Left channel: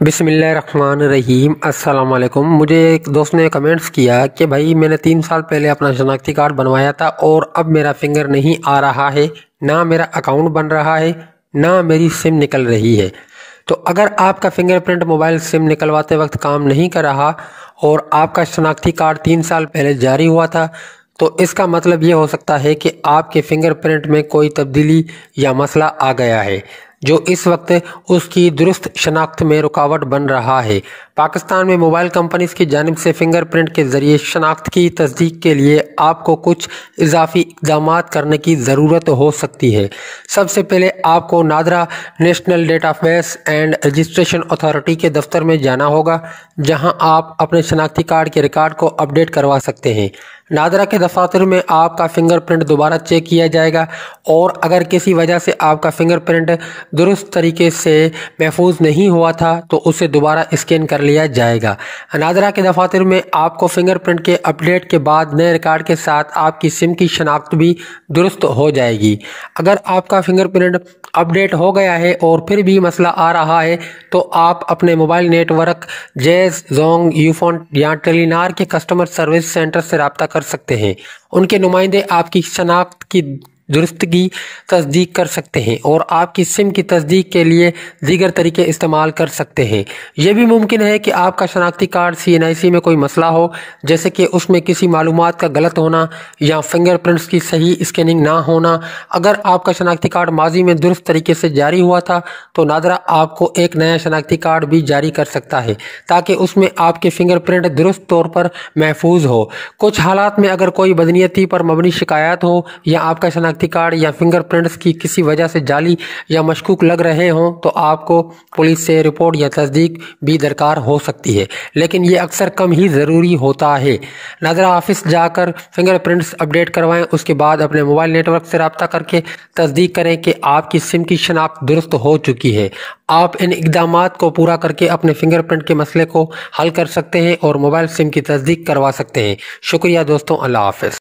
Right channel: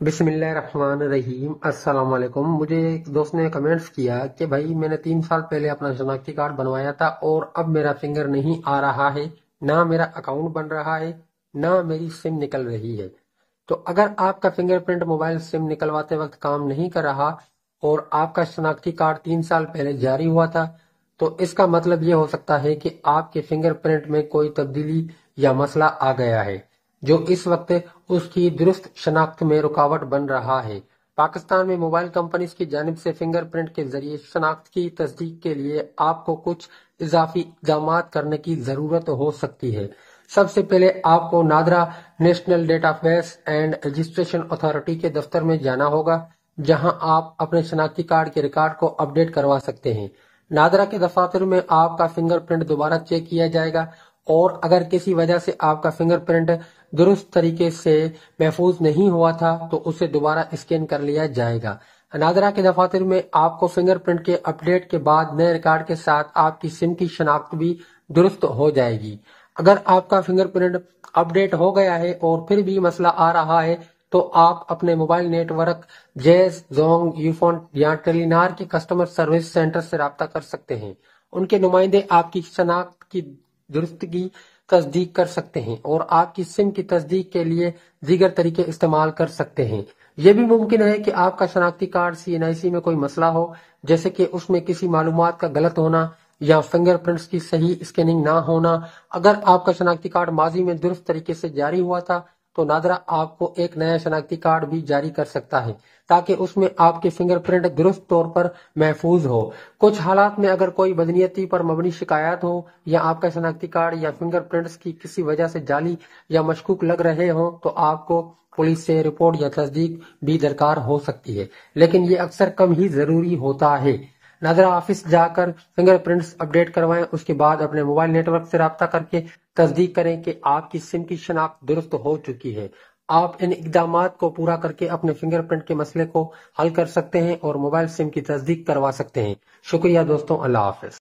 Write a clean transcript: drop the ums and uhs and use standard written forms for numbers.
بسم اللہ الرحمن الرحیم۔ السلام علیکم۔ مجھے ایک دوست نے کمنٹس کیا کہ بھائی میں نے 3 سال پہلے اپنا شناختی کارڈ بنوایا تھا اور اب میرا فنگر نہیں آ رہا ہے، نہ میرا اکاؤنٹ بن رہا ہے، نہ میری سم نکل رہی ہے۔ تو اگر آپ کا فنگر پرنٹ موبائل سم نکلواتے وقت کام نہیں کر رہا اور آپ کا شناختی کارڈ 3 سال پہلے جاری ہوا تھا تو اس کا مطلب یہ ہو سکتا ہے کہ آپ کے فنگر پرنٹ میں کوئی تبدیلی یا مسئلہ آ گیا ہے جو اس وقت اس کی درست شناخت میں رکاوٹ بن رہا ہے۔ پاکستان میں موبائل کمپنیز کی جانب سے فنگر پرنٹ کے ذریعے شناخت کی تصدیق کے لیے آپ کو کچھ اضافی اقدامات کرنے کی ضرورت ہو سکتی ہے۔ سب سے پہلے آپ کو NADRA national data base and registration authority کے دفتر میں جانا ہوگا، جہاں آپ اپنے شناختی کارڈ کے ریکارڈ کو اپڈیٹ کروا سکتے ہیں۔ نادرا کے دفاتر میں آپ کا فنگر پرنٹ دوبارہ چیک کیا جائے گا اور اگر کسی وجہ سے آپ کا فنگر پرنٹ درست طریقے سے محفوظ نہیں ہوا تھا تو اسے دوبارہ اسکین کر لیا جائے گا۔ نادرا کے دفاتر میں آپ کو فنگر پرنٹ کے اپڈیٹ کے بعد نئے ریکارڈ کے ساتھ آپ کی سم کی شناخت بھی درست ہو جائے گی۔ اگر آپ کا فنگر پرنٹ اپڈیٹ ہو گیا ہے اور پھر بھی مسئلہ آ رہا ہے تو آپ اپنے موبائل نیٹ ورک جیز، زونگ، یوفون یا ٹیلی نار کے کسٹمر سروس سینٹر سے رابطہ کر سکتے ہیں۔ ان کے نمائندے آپ کی شناخت کی درستگی تصدیق کر سکتے ہیں اور آپ کی سم کی تصدیق کے لیے دیگر طریقے استعمال کر سکتے ہیں۔ یہ بھی ممکن ہے کہ آپ کا شناختی کارڈ CNIC میں کوئی مسئلہ ہو، جیسے کہ اس میں کسی معلومات کا غلط ہونا یا فنگر پرنٹس کی صحیح اسکیننگ نہ ہونا۔ اگر آپ کا شناختی کارڈ ماضی میں درست طریقے سے جاری ہوا تھا تو نادرا آپ کو ایک نیا شناختی کارڈ بھی جاری کر سکتا ہے تاکہ اس میں آپ کے فنگر پرنٹ درست طور پر محفوظ ہو۔ کچھ حالات میں اگر کوئی بدنیتی پر مبنی شکایات ہو یا آپ کا شناختی کارڈ یا فنگر پرنٹس کی کسی وجہ سے جعلی یا مشکوک لگ رہے ہوں تو آپ کو پولیس سے رپورٹ یا تصدیق بھی درکار ہو سکتی ہے، لیکن یہ اکثر کم ہی ضروری ہوتا ہے۔ نادرا آفس جا کر فنگر پرنٹس اپڈیٹ کروائیں، اس کے بعد اپنے موبائل نیٹ ورک سے رابطہ کر کے تصدیق کریں کہ آپ کی سم کی شناخت درست ہو چکی ہے۔ آپ ان اقدامات کو پورا کر کے اپنے فنگر پرنٹ کے مسئلے کو حل کر سکتے ہیں اور موبائل سم کی تصدیق کروا سکتے ہیں۔ شکریہ دوستوں، اللہ حافظ۔